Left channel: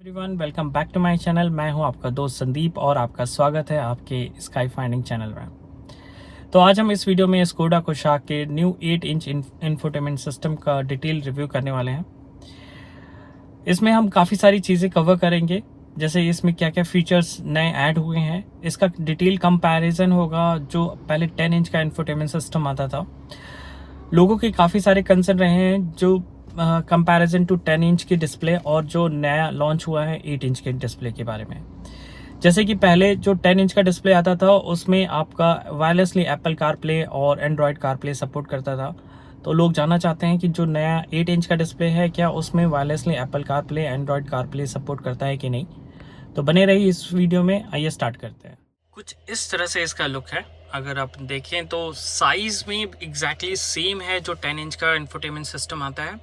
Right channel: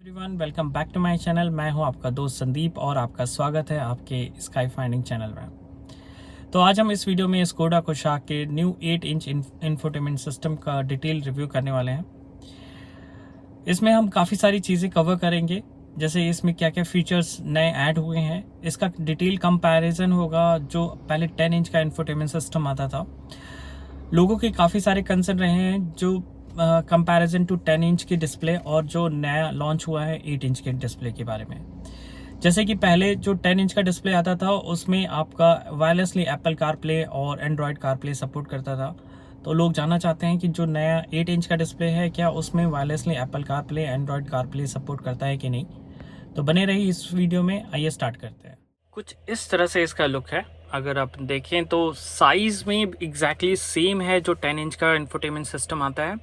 Everyone welcome back to my channel. मैं हूं आपका दोस्त संदीप और आपका स्वागत है आपके स्काई फाइंडिंग चैनल में। तो आज हम इस वीडियो में स्कोडा कोशाक के न्यू 8 इंच इंफोटेनमेंट सिस्टम का डिटेल रिव्यू करने वाले हैं। इसमें हम काफ़ी सारी चीज़ें कवर करेंगे, जैसे इसमें क्या क्या फीचर्स नए ऐड हुए हैं, इसका डिटेल कंपैरिजन होगा। जो पहले 10 इंच का इंफोटेनमेंट सिस्टम आता था, लोगों के काफ़ी सारे कंसर्न रहे हैं जो कंपैरिजन टू 10 इंच की डिस्प्ले और जो नया लॉन्च हुआ है 8 इंच के डिस्प्ले के बारे में। जैसे कि पहले जो 10 इंच का डिस्प्ले आता था उसमें आपका वायरलेसली एप्पल कारप्ले और एंड्रॉयड कारप्ले सपोर्ट करता था। तो लोग जानना चाहते हैं कि जो नया 8 इंच का डिस्प्ले है, क्या उसमें wirelessly Apple CarPlay Android CarPlay support करता है कि नहीं। तो बने रहिए इस वीडियो में। आइए स्टार्ट करते हैं। कुछ इस तरह से इसका लुक है। अगर आप देखें तो साइज़ में एग्जैक्टली सेम है जो 10 इंच का इंफोटेनमेंट सिस्टम आता है,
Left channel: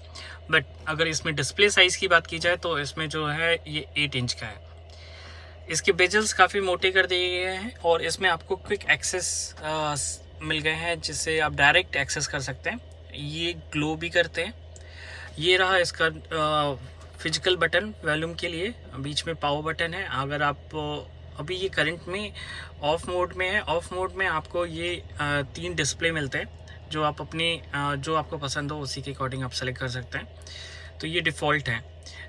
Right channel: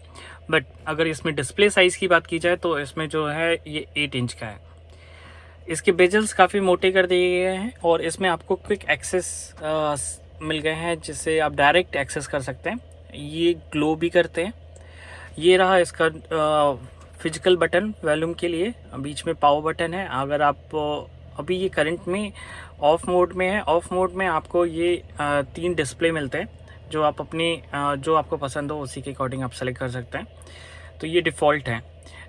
बट अगर इसमें डिस्प्ले साइज़ की बात की जाए तो इसमें जो है ये 8 इंच का है। इसके बेजल्स काफ़ी मोटे कर दिए गए हैं और इसमें आपको क्विक एक्सेस मिल गए हैं, जिससे आप डायरेक्ट एक्सेस कर सकते हैं। ये ग्लो भी करते हैं। ये रहा इसका फिजिकल बटन वॉल्यूम के लिए, बीच में पावर बटन है। अगर आप अभी ये करंट में ऑफ मोड में है, ऑफ मोड में आपको ये 3 डिस्प्ले मिलते हैं, जो आप अपने जो आपको पसंद हो उसी के अकॉर्डिंग आप सेलेक्ट कर सकते हैं। तो ये डिफ़ॉल्ट है,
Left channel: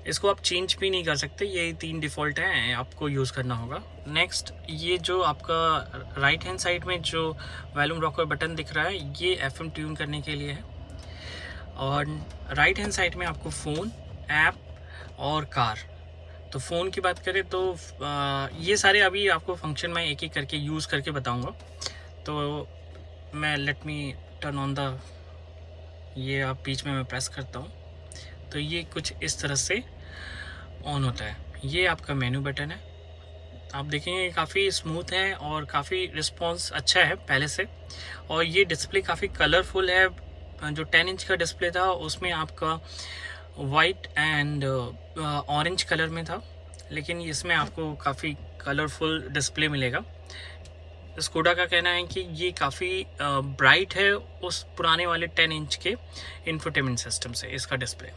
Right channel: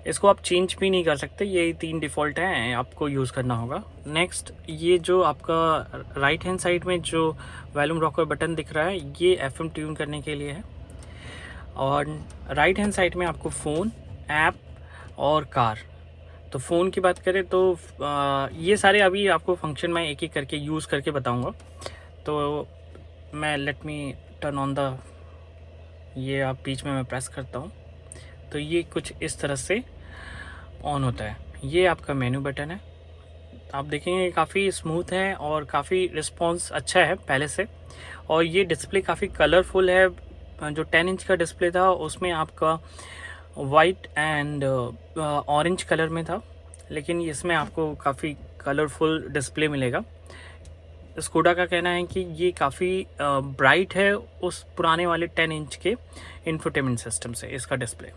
इसको आप चेंज भी नहीं कर सकते। ये 3 डिफ़ॉल्ट हैं, आपको यूज़ करना होगा। नेक्स्ट, ये जो आपका राइट हैंड साइड में जो वॉल्यूम रॉकर बटन दिख रहा है, ये FM ट्यून करने के लिए है। और राइट हैंड साइड में आपको फ़ोन, ऐप और कार। तो फ़ोन की बात करें तो ये सारे अभी आपको फंक्शन मैं एक एक करके यूज़ करके बताऊंगा। तो मैं let me turn on the, ये आप बीच में मैं प्रेस करता हूँ तो ये कुछ इस तरह से ऑन होता है। ये आपका मेनू बटन है। आप देखेंगे काफ़ी स्मूथ है और काफ़ी रिस्पॉन्स अच्छा है पहले से। और ये डिस्प्ले काफ़ी कलरफुल है। जो 10 इंच का डिस्प्ले था उसमें आपका वाइट एंड ऑरेंज कलर में था, लेकिन इसमें आपको काफ़ी कलरफुल डिस्प्ले मिलेगा। स्कोडा का कहना है कि ये काफ़ी ब्राइट है उस पुराने वाले 10 इंच के इंफोटेनमेंट सिस्टम से इसका डिस्प्ले।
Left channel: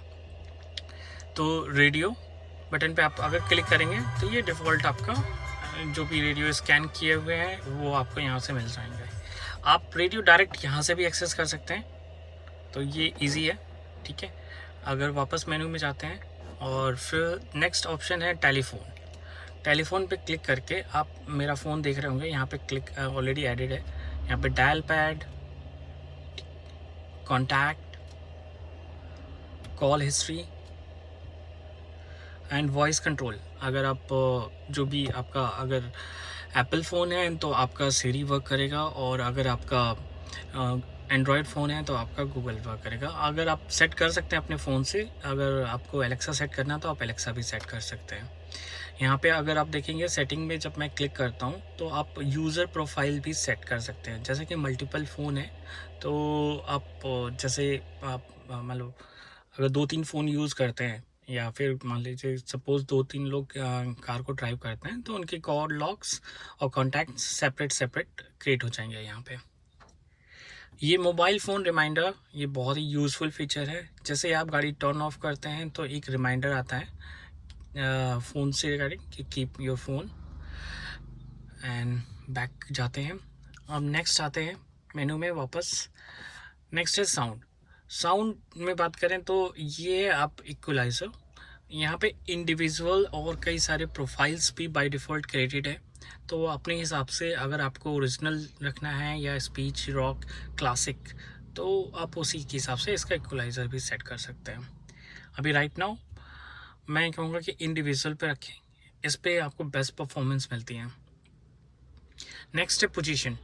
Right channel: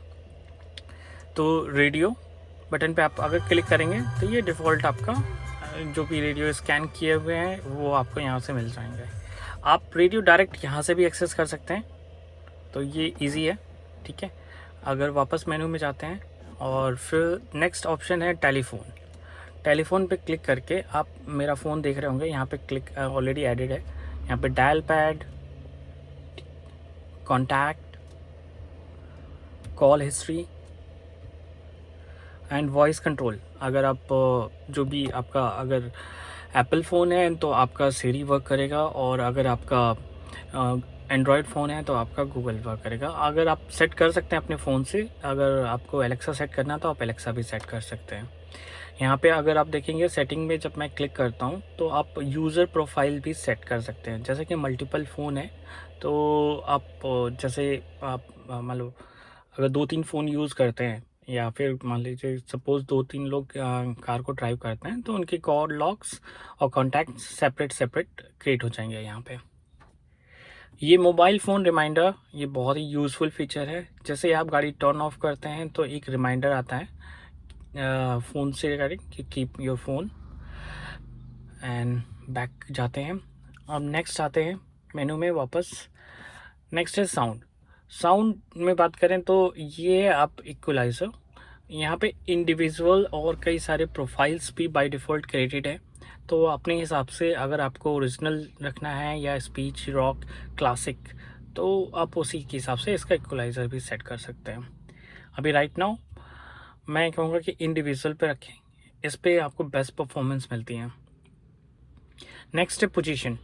तो रेडियो बटन पे आप अगर क्लिक करेंगे तो ये डिफ़ॉल्ट आपका जो भी रेडियो स्कैन किए हुए हैं वो आपको यहाँ से मिल जाएंगे। आप रेडियो डायरेक्ट यहाँ से भी एक्सेस कर सकते हैं, तो ये इजी है। ठीक है, अगर वापस मेनू में जाते हैं और फिर नेक्स्ट ऑप्शन है टेलीफोन। टेलीफोन पे क्लिक करके आप मेरा फ़ोन देख रहे होंगे, यहाँ पे क्लिक ऑलरेडी एडेड है। यहाँ पे dial pad, contact, call history and voice control. अगर आप जो भी आपका अगर एप्पल फ़ोन है तो आपका सीरी वर्क करेगा, और अगर आपका एंड्रॉयड फ़ोन है तो आपका गूगल वर्क करेगा। अगर आप सेट कर सकते हैं अपने फ़ोन से, अगर आपको एलेक्सा सेट करना तो आप एलेक्सा भी सेट कर सकते हैं। यहाँ पे अगर आप देखेंगे सेटिंग में जब मैं क्लिक करता हूँ तो आप यूज़र प्रोफाइल भी सेट कर सकते हैं। जैसे कि मल्टीपल फ़ोन है तो आप जैसे आप मान लो अगर 2-3 फ़ोन यूज़ करते हैं, या फिर मान लीजिए सपोज़ 2-3 लोग कार को ड्राइव करते हैं, तो उनके कॉल लॉग्स और कॉन्टैक्ट्स सेपरेट क्रिएट हो जाएंगे यहाँ पे। ये मोबाइल फ़ोन रिमाइंडर, ये बहुत ही यूज़फुल फीचर है। जैसे आप गाड़ी टर्न ऑफ करते हैं तो एक रिमाइंडर आता है फ़ोन से रिगार्डिंग कि keep your phone, and back जाते हैं। अब नेक्स्ट आते हैं मेनू में वापस। नेक्स्ट है साउंड। साउंड में बात करें तो ये आप इक्वलाइज़र, यहाँ पे इंडिविजुअल और कई सारे प्रोफाइल्स भी बाय डिफ़ॉल्ट क्रिएटेड है। तो अपने हिसाब से अगर आपको ओरिजिनल रखना है या स्पीच, रॉक, क्लासिक, तो आप उसी के हिसाब से इसका इक्वलाइज़र भी सेट कर सकते हैं। अभी राइट नाउ मैं कहूँगा कि इंडिविजुअल पे रखें, इस पे आपको बेस्ट परफॉर्मेंस मिलती है। नेक्स्ट है पोजीशन।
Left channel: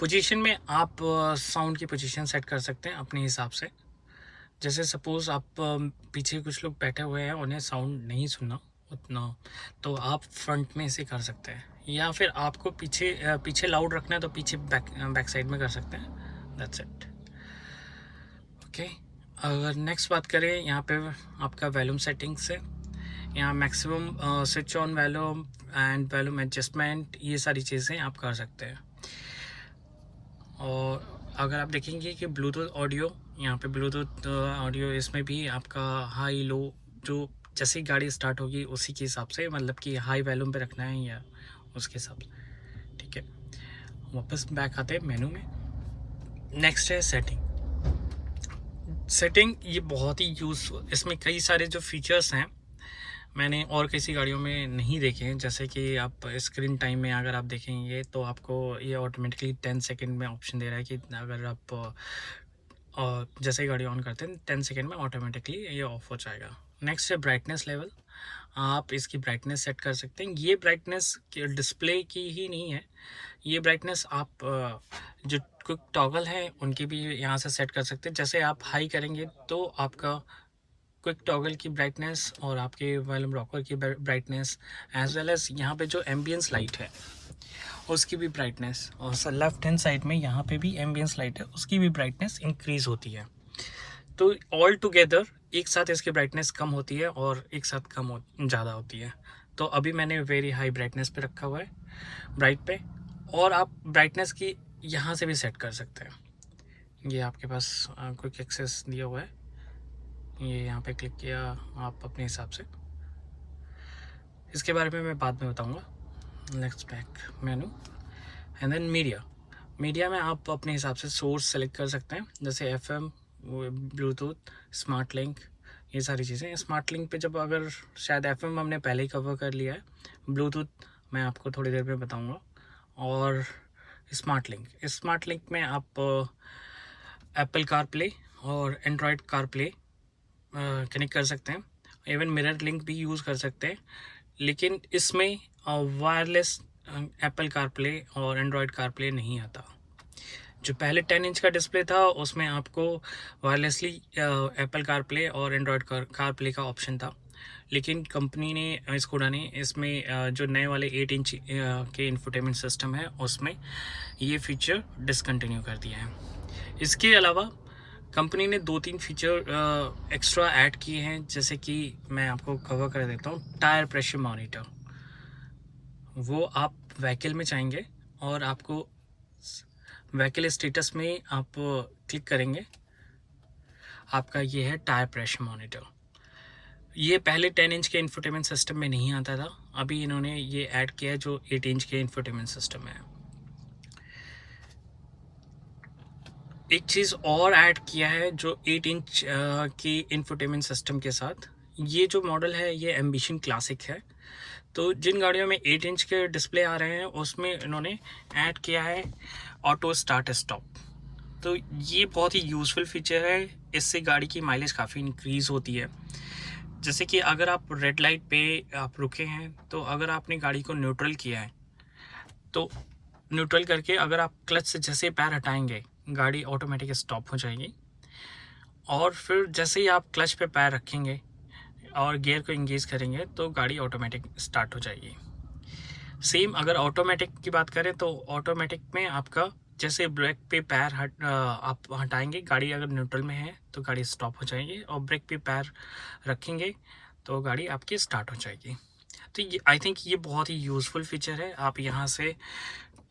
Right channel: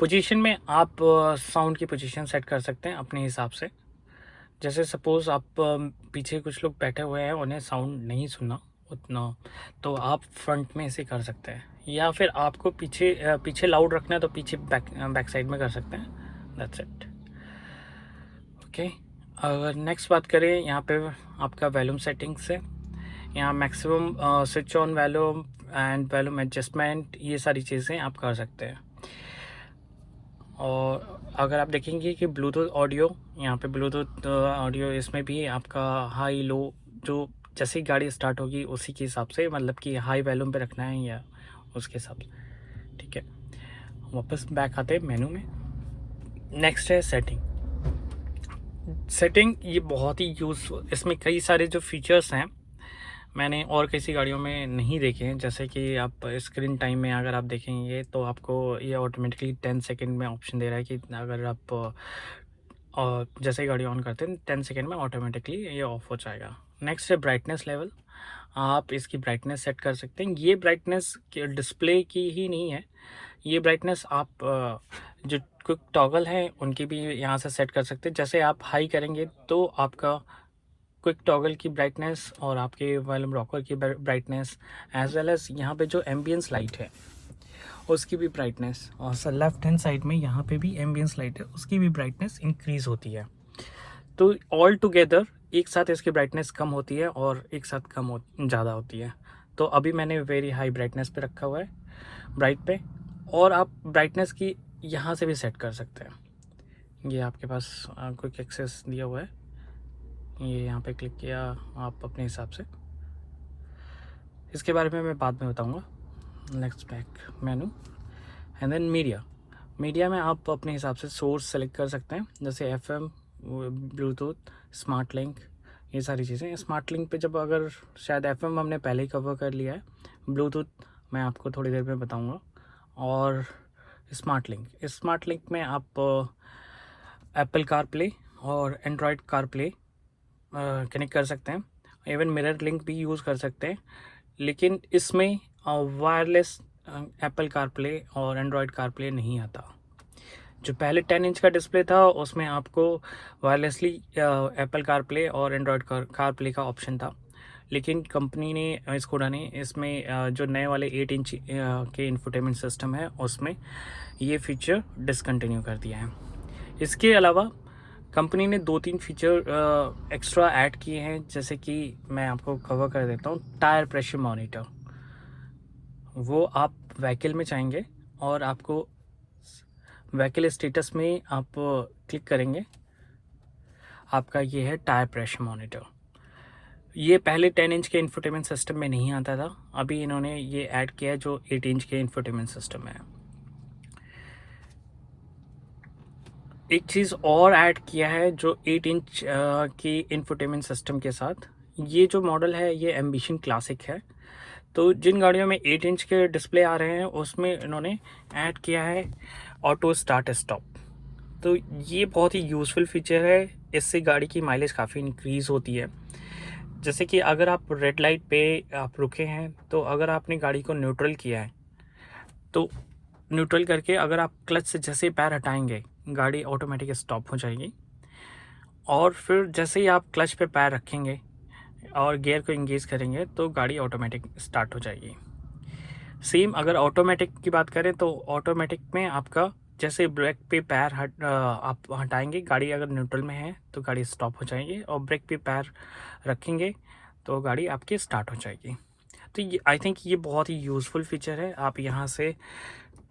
पोजीशन में आप साउंड की पोजीशन सेट कर सकते हैं अपने हिसाब से। जैसे सपोज़ आप पीछे कुछ लोग बैठे हुए हैं, उन्हें साउंड नहीं सुनना उतना, तो आप फ्रंट में इसे कर सकते हैं, या फिर आपको पीछे लाउड रखना है तो पीछे बैक साइड में कर सकते हैं। That's it. ओके, अगर नेक्स्ट बात करें यहाँ पे आपका वॉल्यूम सेटिंग्स है। यहाँ maximum switch on volume and volume adjustment, ये सारी चीज़ें आप कर सकते हैं। और अगर आप देखेंगे कि ब्लूटूथ ऑडियो, यहाँ पे ब्लूटूथ ऑडियो, इसमें भी आपका हाई लो जो जैसे ही गाड़ी स्टार्ट होगी उसी के हिसाब से, मतलब कि हाई वॉल्यूम पे रखना है या उसके हिसाब से, ठीक है। वापस बैक आते हैं मेनू में। नेक्स्ट है सेटिंग। सेटिंग ये बहुत ही यूज़फुल, इसमें कई सारे जो फीचर्स हैं मैंने और किसी गाड़ियों में नहीं देखे हैं। जैसे कि आप स्क्रीन टाइम में अगर आप देखेंगे तो आपको ये ऑटोमेटिकली 10 सेकंड में ऑप्शन दे रहा है कि अगर आप और जैसे ही गाड़ी ऑन करते हैं 10 सेकंड में ऑटोमेटिकली ये ऑफ हो जाएगा। नेक्स्ट है ब्राइटनेस लेवल। आप इसकी ब्राइटनेस सेट कर सकते हैं। ये ब्राइटनेस डिस्प्ले की ही नहीं है, ये ब्राइटनेस आप जो क्विक टॉगल है उनकी भी यहाँ से सेट कर सकते हैं। जैसे आप हाई करेंगे तो आपका क्विक टॉगल की ब्राइटनेस और आपके वॉल्यूम रॉकर की ब्राइटनेस एज वेल एज यहाँ पे जो एम्बियंस लाइट है उसकी भी ब्राइटनेस, और सर लेफ्ट हैंड साइड में यहाँ पे भी एम्बियंस लाइट है उसकी भी ब्राइटनेस इंक्रीज़ होती है। तो ऑल टुगेदर एक साथ इसकी ब्राइटनेस कम होती है और एक साथ ज़्यादा होती है। तो अभी मैंने वेरी हाई ब्राइटनेस पे रखा हुआ है, ब्राइट पे, और आप ब्राइटनेस की यहाँ से भी सेट कर सकते हैं। ये आपके पास क्विक एक्सेस दिया हुआ है, ये यहाँ पे क्लिक किया आप अपने हिसाब से। इसके बारे में मैं बाद में बताऊँगा। Next back menu and then media में आप अपने हिसाब से सोर्स सेलेक्ट कर सकते हैं, जैसे FM, ब्लूटूथ, स्मार्ट लिंक, ये सारी चीज़ें। स्मार्ट लिंक पे जब अगर शायद FM हमने पहले ही कवर कर लिया है, ब्लूटूथ मैं आपको थोड़ी देर में बताऊंगा, और स्मार्ट लिंक में आप एप्पल कार प्ले और एंड्रॉयड कार प्ले कनेक्ट कर सकते हैं। इवन मिरर लिंक भी यूज़ कर सकते हैं, लेकिन इसमें वायरलेस एप्पल कार प्ले और एंड्रॉयड कार प्ले नहीं आता। जो पहले 10 इंच का डिस्प्ले था उसमें आपको वायरलेसली एप्पल कार प्ले और एंड्रॉयड कार प्ले का ऑप्शन था, लेकिन कंपनी ने, स्कोडा ने इसमें जो नए वाले 8 इंच के इंफोटेनमेंट सिस्टम है उसमें ये फीचर डिसकंटिन्यू कर दिया है। इसके अलावा कंपनी ने 2-3 फीचर एक्स्ट्रा ऐड किए हैं, जैसे कि मैं आपको कवर कर देता हूँ। टायर प्रेशर मॉनिटर, वो आप व्हीकल में चाहेंगे और आपको व्हीकल स्टेटस में आप क्लिक करेंगे, आपका ये है टायर प्रेशर मॉनिटर। ये पहले 10 इंच के इंफोटेनमेंट सिस्टम में नहीं आता था, अभी इन्होंने ये ऐड किया है जो 8 इंच के इंफोटेनमेंट सिस्टम में है। एक चीज़ और ऐड किया है जो 8 इंच की इंफोटेनमेंट सिस्टम के साथ, ये जो मॉडल है ये एम्बिशन क्लासिक है। तो जिन गाड़ियों में 8 इंच के डिस्प्ले आ रहे हैं उसमें इन्होंने ऐड किया है ऑटो स्टार्ट स्टॉप। तो ये बहुत ही यूज़फुल फीचर है, इससे गाड़ी की माइलेज काफ़ी इंक्रीज़ होती है। जैसे कि अगर आप रेड लाइट पे आप रुके हैं, तो अगर आपने गाड़ी को न्यूट्रल किया है तो न्यूट्रल करके अगर आप क्लच से जैसे पैर हटाएंगे गाड़ी ऑटोमेटिक स्टॉप हो जाएगी, और फिर जैसे ही आप क्लच पे पैर रखेंगे और गियर को इंगेज करेंगे तो गाड़ी ऑटोमेटिक स्टार्ट हो जाएगी। सेम अगर ऑटोमेटिक की बात करें तो ऑटोमेटिक में आपका जैसे ब्रेक पे पैर आप हटाएंगे, गाड़ी अगर न्यूट्रल में है तो गाड़ी स्टॉप हो जाएगी, और ब्रेक पे पैर रखेंगे तो गाड़ी आपकी स्टार्ट हो जाएगी। तो ये आई थिंक ये बहुत ही यूज़फुल फीचर है। आप यहाँ से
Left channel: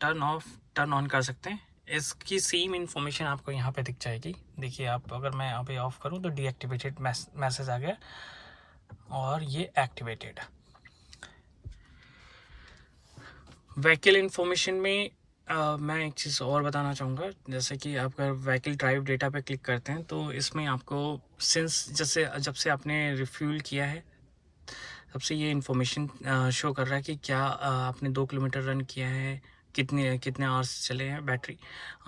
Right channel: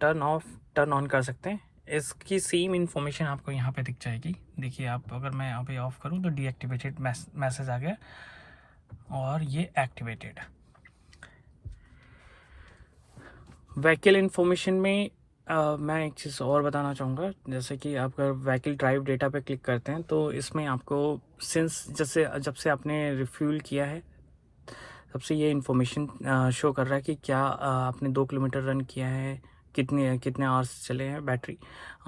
टर्न ऑफ टर्न ऑन कर सकते हैं। इसकी सेम इन्फॉर्मेशन आपको यहाँ पे दिख जाएगी। देखिए, आप अगर मैं यहाँ पे ऑफ़ करूँ तो डीएक्टिवेटेड मैसेज आ गया और ये एक्टिवेटेड। व्हीकल इन्फॉर्मेशन में मैं एक चीज़ और बताना चाहूँगा, जैसे कि आप अगर व्हीकल ड्राइव डेटा पे क्लिक करते हैं तो इसमें आपको जब से आपने रिफ्यूल किया है तब से ये इन्फॉर्मेशन शो कर रहा है कि क्या आपने 2 किलोमीटर रन किया है, कितने आवर्स चले हैं बैटरी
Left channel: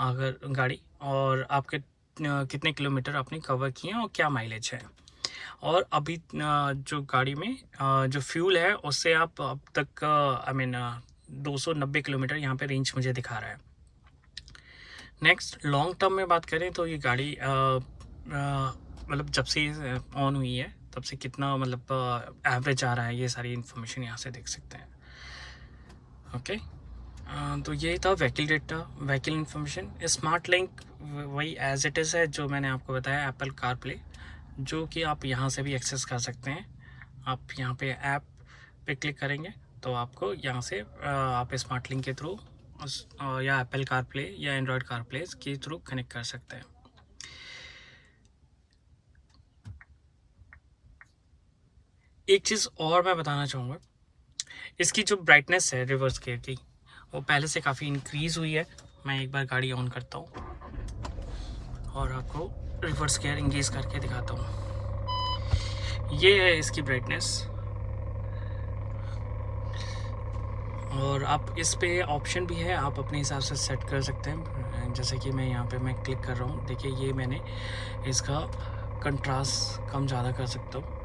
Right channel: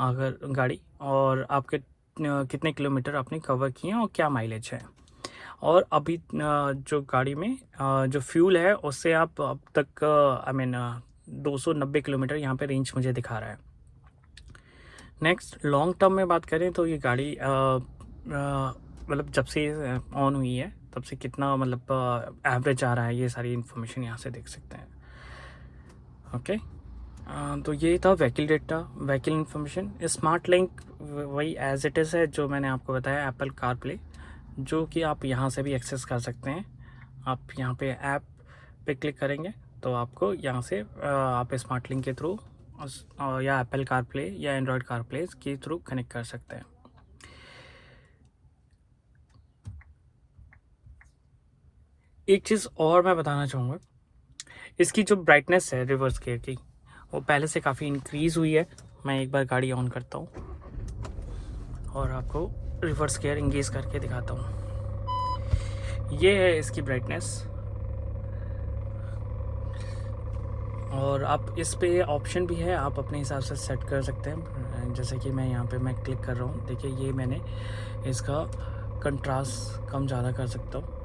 अगर गाड़ी, और आपके कितने किलोमीटर आपने कवर किए हैं और क्या माइलेज है। और अभी जो गाड़ी में जो फ्यूल है उससे आप अब तक 290 किलोमीटर यहाँ पे रेंज मुझे दिखा रहा है। नेक्स्ट लॉन्ग टर्म में बात करें तो ये गाड़ी मतलब जब से ऑन हुई है तब से कितना मतलब एवरेज आ रहा है, ये सारी इन्फॉर्मेशन यहाँ से देख सकते हैं। ओके, तो ये था vehicle data, vehicle information. Smart link वही एज इट इज़ है जो मैंने आपको बताया, एप्पल कार प्ले, जो कि आप यहाँ से भी एक्सेस कर सकते हैं। आप यहाँ पे ऐप पे क्लिक करेंगे तो आपको यहाँ से आप स्मार्ट लिंक के थ्रू या एप्पल कार प्ले या एंड्रॉयड कार प्ले के थ्रू कनेक्ट कर सकते हैं। एक चीज़ और मैं बताना चाहूँगा, इसकी जो ब्राइटनेस है रिवर्स गियर की, वो पहले से काफ़ी इंक्रीज़ हुई है। मैं एक बार गाड़ी ऑन करता हूँ और आपको रिवर्स गियर इंगेज करके दिखाता हूँ। ये है इसकी ब्राइटनेस, और आप इस पे ऑप्शन भी है, आप अपने हिसाब से सेट कर सकते हैं। जैसे कि मैं यहाँ पे मैं क्लिक कर रहा हूँ, देखिए ये मैंने इसका कंट्रास्ट कम ज़्यादा कर सकता हूँ,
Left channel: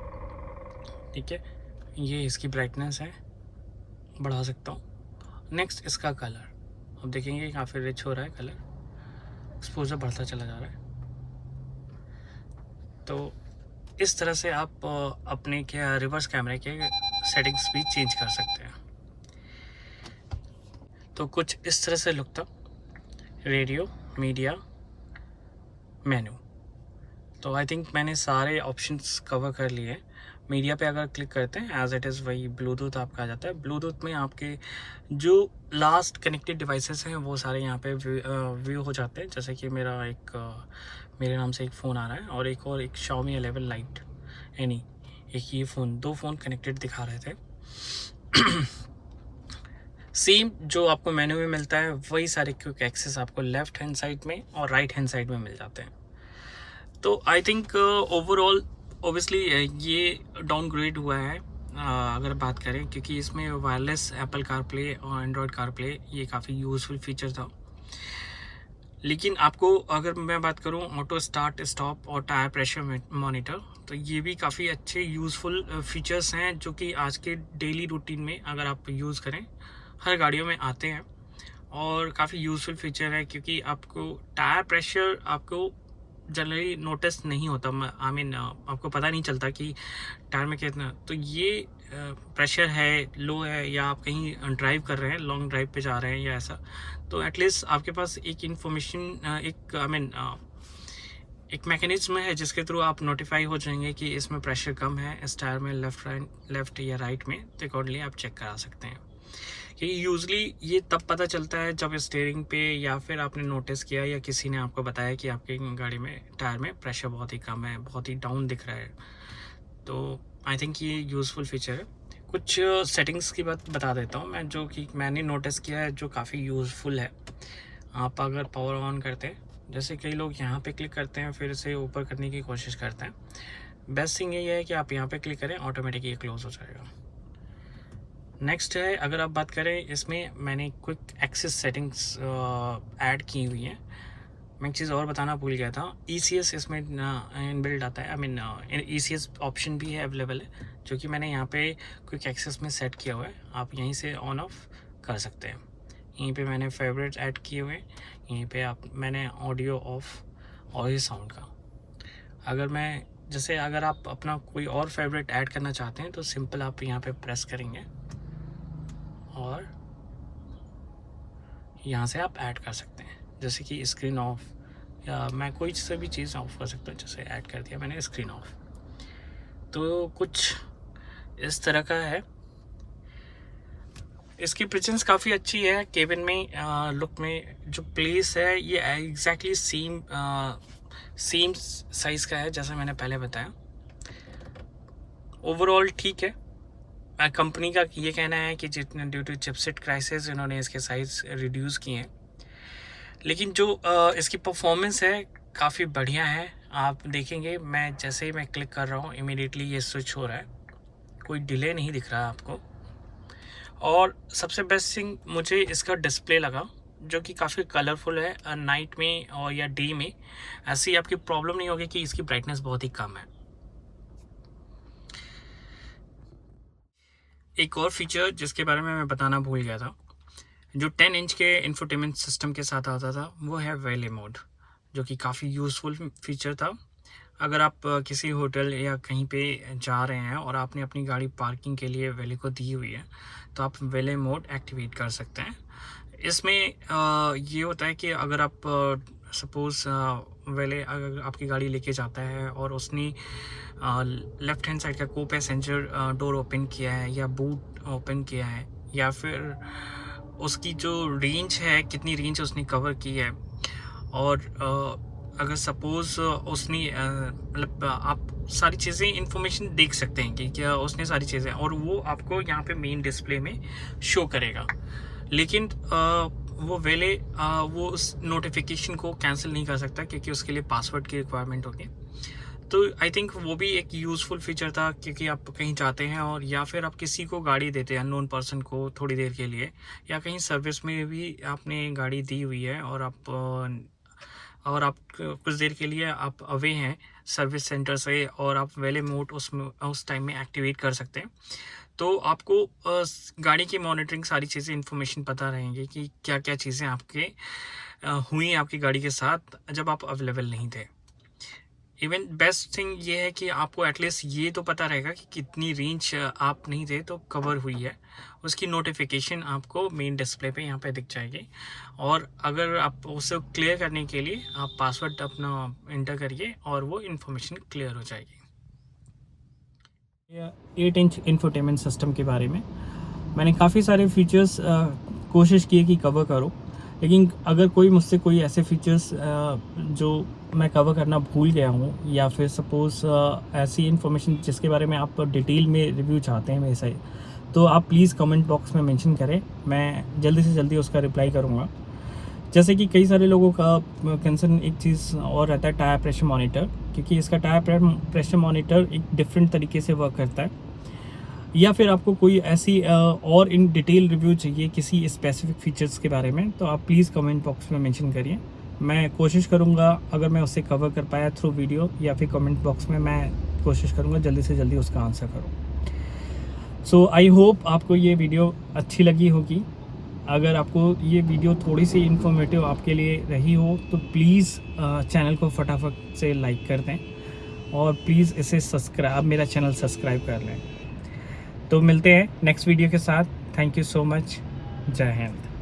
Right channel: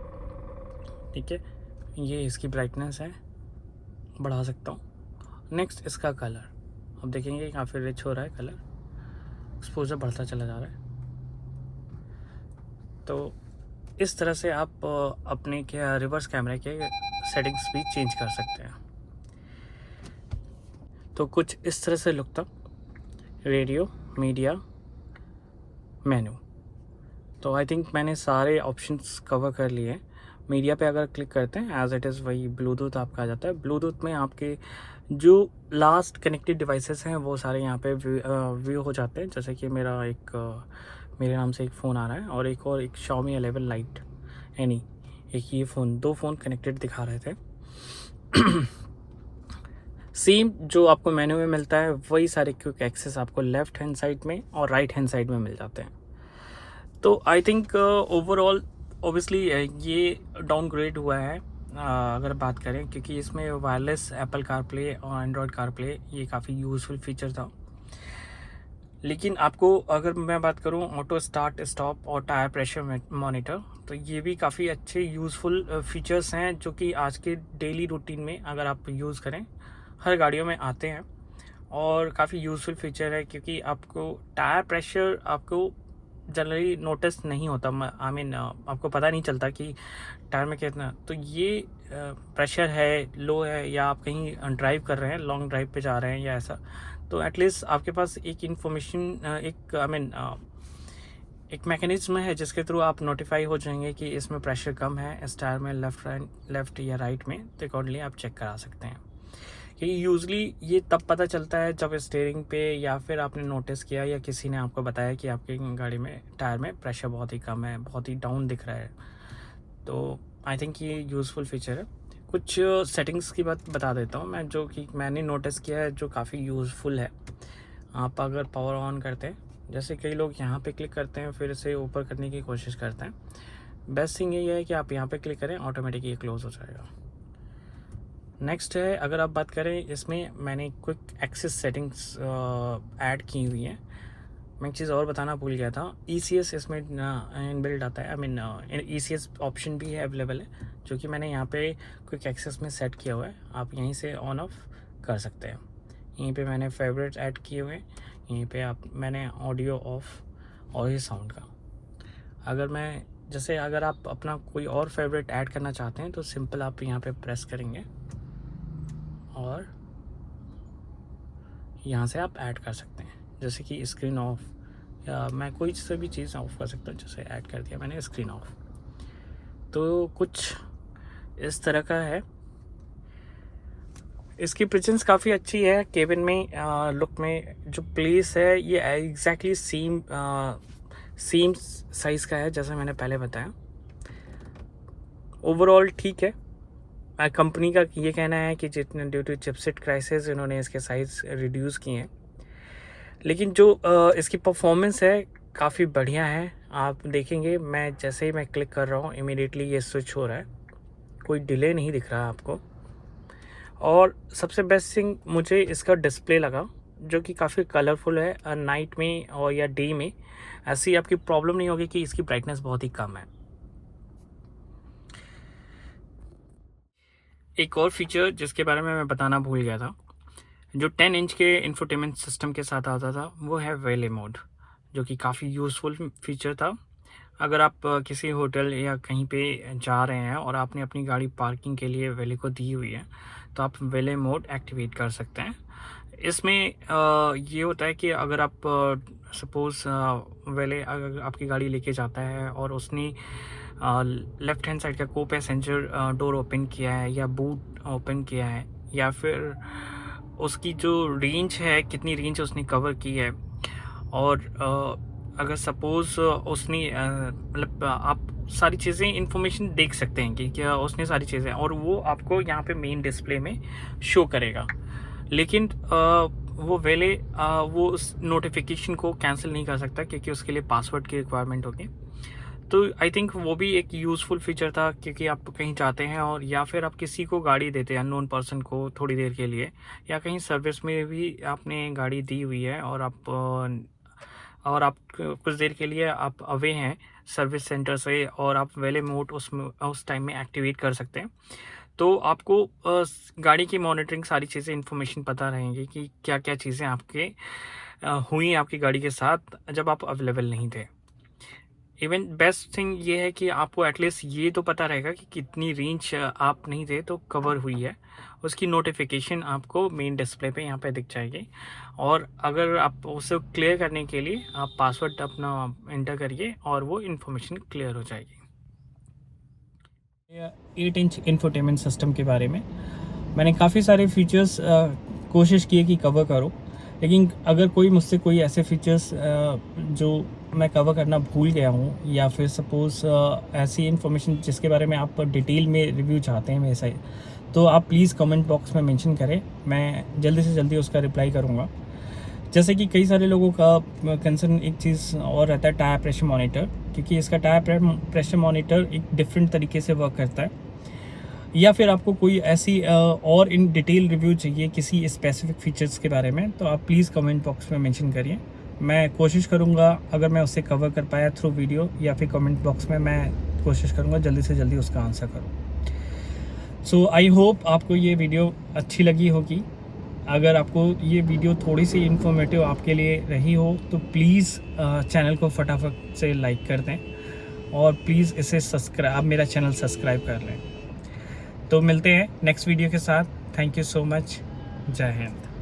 ठीक है। ये इसकी ब्राइटनेस है, बढ़ा सकता हूँ। नेक्स्ट इसका कलर, अब देखेंगे काफ़ी रिच हो रहा है कलर, एक्सपोजर बढ़ता चला जा रहा है। तो इस तरह से आप अपने क्या रिवर्स कैमरे के सेटिंग्स भी चेंज कर सकते हैं। तो कुछ इस तरह से लुक था रेडियो, मीडिया, मेनू। तो आई थिंक मैंने सारे ऑप्शंस कवर कर लिए। मीडिया पे अगर क्लिक करते हैं एज इट इज़ वही ब्लूटूथ आपका आ जाता है। ब्लूटूथ में आपके जो लास्ट कनेक्टेड डिवाइसेस हैं वो सारे यहाँ पे व्यू हो जाते हैं। जैसे कि मेरा एक मेरे नाम से एक फ़ोन आ रहा है और एक Xiaomi 11 लाइट, यानी एक ये फ़ोन, 2 फ़ोन कनेक्टेड दिखा रहे थे। सेम जो आपको मेन्यू में मिलता है वही सारे क्विक एक्सेस आपको लेफ़्ट हैंड साइड में और राइट हैंड साइड में मिल जाते हैं। तो आई थिंक ओवरऑल ऑब्वियसली ये डाउनग्रेड हुआ है अगर बात करें, क्योंकि इसमें वायरलेस एप्पल कारप्ले और एंड्रॉयड कारप्ले ये काफ़ी यूज़फुल फीचर था। लेकिन आपको अगर मैं बात करूं ऑटो स्टार्ट स्टॉप और टायर प्रेशर मॉनिटर, तो ये भी काफ़ी अच्छे यूज़फुल फीचर्स हैं जो कि आज के डेली रूटीन में अगर आप यूज़ करें हर गाड़ियों में आते हैं, और काफ़ी यूज़फुल फीचर है क्योंकि आपको टायर प्रेशर आपको जनरली नोटिस नहीं होता। आई मीन आपको पता नहीं चलता कि टायर में कितना, तो ये प्रेशर है, लो है, या आप कहीं ड्राइव कर रहे हैं, लॉन्ग ड्राइव पे जा रहे हैं या ऐसा, तो एटलीस्ट आपके पास एक इन्फॉर्मेशन एक आई मीन एक मैकेनिज्म है जिसके थ्रू आप नोटिफाई हो जाएंगे कि इसमें प्रेशर कम है इस टायर में, लेफ़्ट या राइट में, तो अकॉर्डिंगली आप चेक करा सकते हैं। कि यूज़ुअली ये तब पता चलता है जब स्टीयरिंग पे या फिर आपने नोटिस किया या किसी ने आपको बताया कि आपकी गाड़ी में टायर में प्रेशर बहुत ही कम है, बहुत ही डाउन दिख रहा है। तो आई थिंक ये यूज़फुल फीचर है। कुछ सेटिंग्स की बात बता देता हूँ मैं, जो कि मैंने नोटिस किया है जो काफ़ी यूज़फुल है। आप अगर पावर ऑन करते हैं, जैसे कई लोग यहाँ पे क्लिक करते हैं फिर इसे ऊपर करने की कोशिश करते हैं, बेस्ट थिंग यही है कि आप यहाँ पे क्लिक करें, ऑटोमेटिक ये क्लोज़ हो जाएगा। नेक्स्ट है, अगर आप बात करें, इसमें मैंने क्विक एक्सेस सेटिंग्स ऐड की हुई है। मैं एक चीज़ और बताना भूल गया था, ECS इसमें इनबिल्ट आता है, आई मीन ECS ऑप्शन भी है, अवेलेबल है, जो कि मैंने यहाँ पे क्विक एक्सेस में सेट किया हुआ है। आप यहीं से ऑन ऑफ कर सकते हैं। यहीं पे मैंने फेवरेट ऐड किए हुए हैं, यहीं पे मैंने ऑडियो ऑफ और ये साउंड का। अगर आप अपना कोई और फेवरेट ऐड करना चाहते हैं तो सिंपल आप यहाँ पे प्रेस करेंगे और यहाँ से आप ऐड कर सकते हैं। जैसे कि स्क्रीन ऑफ, या मैं कोई से भी चीज़ ऑफ कर सकता हूँ। जैसे ऐड कर दिया मैंने स्क्रीन ऑफ, तो कुछ इस तरह का है। इसकी प्रेजेंस काफ़ी अच्छी है केबिन में। लुक में जो प्लेस है ये एग्जैक्टली सेम साइज़ का है जैसा मैंने पहले बताया। ओवरऑल ठीक है। कंपनी का ये कहना है कि जितने ड्यू टू चिपसेट क्राइसिस इन्होंने इसके साइज़ रिड्यूस किए हैं, लेकिन जो इसकी परफॉर्मेंस है काफ़ी बढ़िया है। आप देखेंगे मैं जैसे ही मैं क्लिक कर रहा हूँ इमीडिएटली ये स्विच हो रहा है, कोई डिले नहीं दिख रहा है आपको। और सबसे बेस्ट थिंग मुझे इसका डिस्प्ले लगा, जो कि काफ़ी कलरफुल है। नाइट में और या डे में ऐसी आपकी प्रॉब्लम नहीं होगी कि इसकी ब्राइटनेस बहुत ही कम है। एक और फीचर जिसके बारे में मैं बताना भूल गया था, जो 10 इंच के इंफोटेनमेंट सिस्टम के साथ आता था, वो है वेले मोड, जो कि काफ़ी यूज़फुल फीचर था। अगर आप किसी होटल या कहीं पे जा रहे हैं और आपने अपनी गाड़ी पार्किंग के लिए वेले को दी हुई है, तो आप वेले मोड एक्टिवेट कर सकते हैं। इसमें ये होता है कि अगर आप सपोज़ वेले अगर आपकी गाड़ी लेके जाता है और उसने लेफ़्ट हैंड साइड का को पैसेंजर डोर ओपन किया है या बूट ओपन किया है, या फिर उसकी जो रेंज है, कितनी रेंज उसने कवर की है, और अगर सपोज़ उसने मतलब आप सारी चीज़ें इन्फॉर्मेशन देख सकते हैं कि क्या उसने सारी चीज़ें, और वो आपको यहाँ पे मेन डिस्प्ले में शो करेगा। लेकिन वो वो उस नोटिफिकेशन को कैंसिल नहीं कर सकता क्योंकि उसके लिए पासवर्ड की रिक्वायरमेंट होगी। तो आई थिंक वो भी एक यूज़फुल फीचर था, क्योंकि आप कहीं जाते हैं और या फिर आप किसी को गाड़ी देते हैं अननोन पर्सन को थोड़ी देर के लिए, या कहीं सर्विस में भी आपने गाड़ी दी हुई है और आप कुछ देर के लिए आप अवे हैं सर्विस सेंटर से, और आप वेले मोड उस टाइम में एक्टिवेट कर सकते हैं। तो आपको गाड़ी की मॉनिटरिंग सारी चीज़ें इन्फॉर्मेशन पता रहेंगी कि क्या क्या चीज़ें आपके हुई आपकी गाड़ी के साथ जब आप अवेलेबल नहीं थे। इवन बेस्ट थिंग ये है कि आपको एटलीस्ट ये तो पता रहेगा कि कितनी रेंज आप नहीं थे तो कवर हुई है, उसकी नोटिफिकेशन आपको मेन डिस्प्ले पे यहाँ पे दिख जाएगी। और अगर आप उसे क्लियर करने के लिए आप पासवर्ड अपना एंटर करिए और वो इन्फॉर्मेशन क्लियर हो जाएगी। 8 इंच इंफोटेनमेंट सिस्टम के बारे में मैंने काफ़ी सारे फीचर्स कोशिश की कि कवर करो, लेकिन अगर कोई मुझसे कोई ऐसे फीचर्स जो मैं कवर करना भूल गया हूँ, या फिर सपोज़ ऐसी इन्फॉर्मेशन जिसके बारे में आप डिटेल में रिव्यू चाहते हैं मेरे से, तो आप प्लीज़ कमेंट बॉक्स में मेंशन करें, मैं जल्दी से जल्दी उसका रिप्लाई करूँगा। जैसे कि कई सारे लोगों का कंसर्न एक चीज़ और रहता है, टायर प्रेशर मॉनिटर, क्योंकि इसका टायर प्रेशर मॉनिटर एक डिफरेंट तरीके से वर्क करता है। या फिर आपको कोई ऐसी और इन डिटेल रिव्यू चाहिए किसी स्पेसिफिक फीचर्स के बारे में, तो आप प्लीज़ कमेंट बॉक्स में मेंशन करिए, मैं कोशिश करूँगा अगर मैं उसे कवर कर पाया थ्रू वीडियो या फिर कमेंट बॉक्स में, मैं कोशिश करूँगा जल्दी से जल्दी उसका आंसर करूँ। सो आई होप आपको ये वीडियो अच्छी लगी होगी। अगर आपको ये वीडियो थोड़ी सी इन्फॉर्मेटिव आपके लिए रही हो तो प्लीज़ चैनल को फटाफट से लाइक कर दें, और प्लीज़ इसे मेरा चैनल सब्सक्राइब कर लें। तो मिलते हैं नेक्स्ट वीडियो के साथ। Thank you so much. जय हिंद।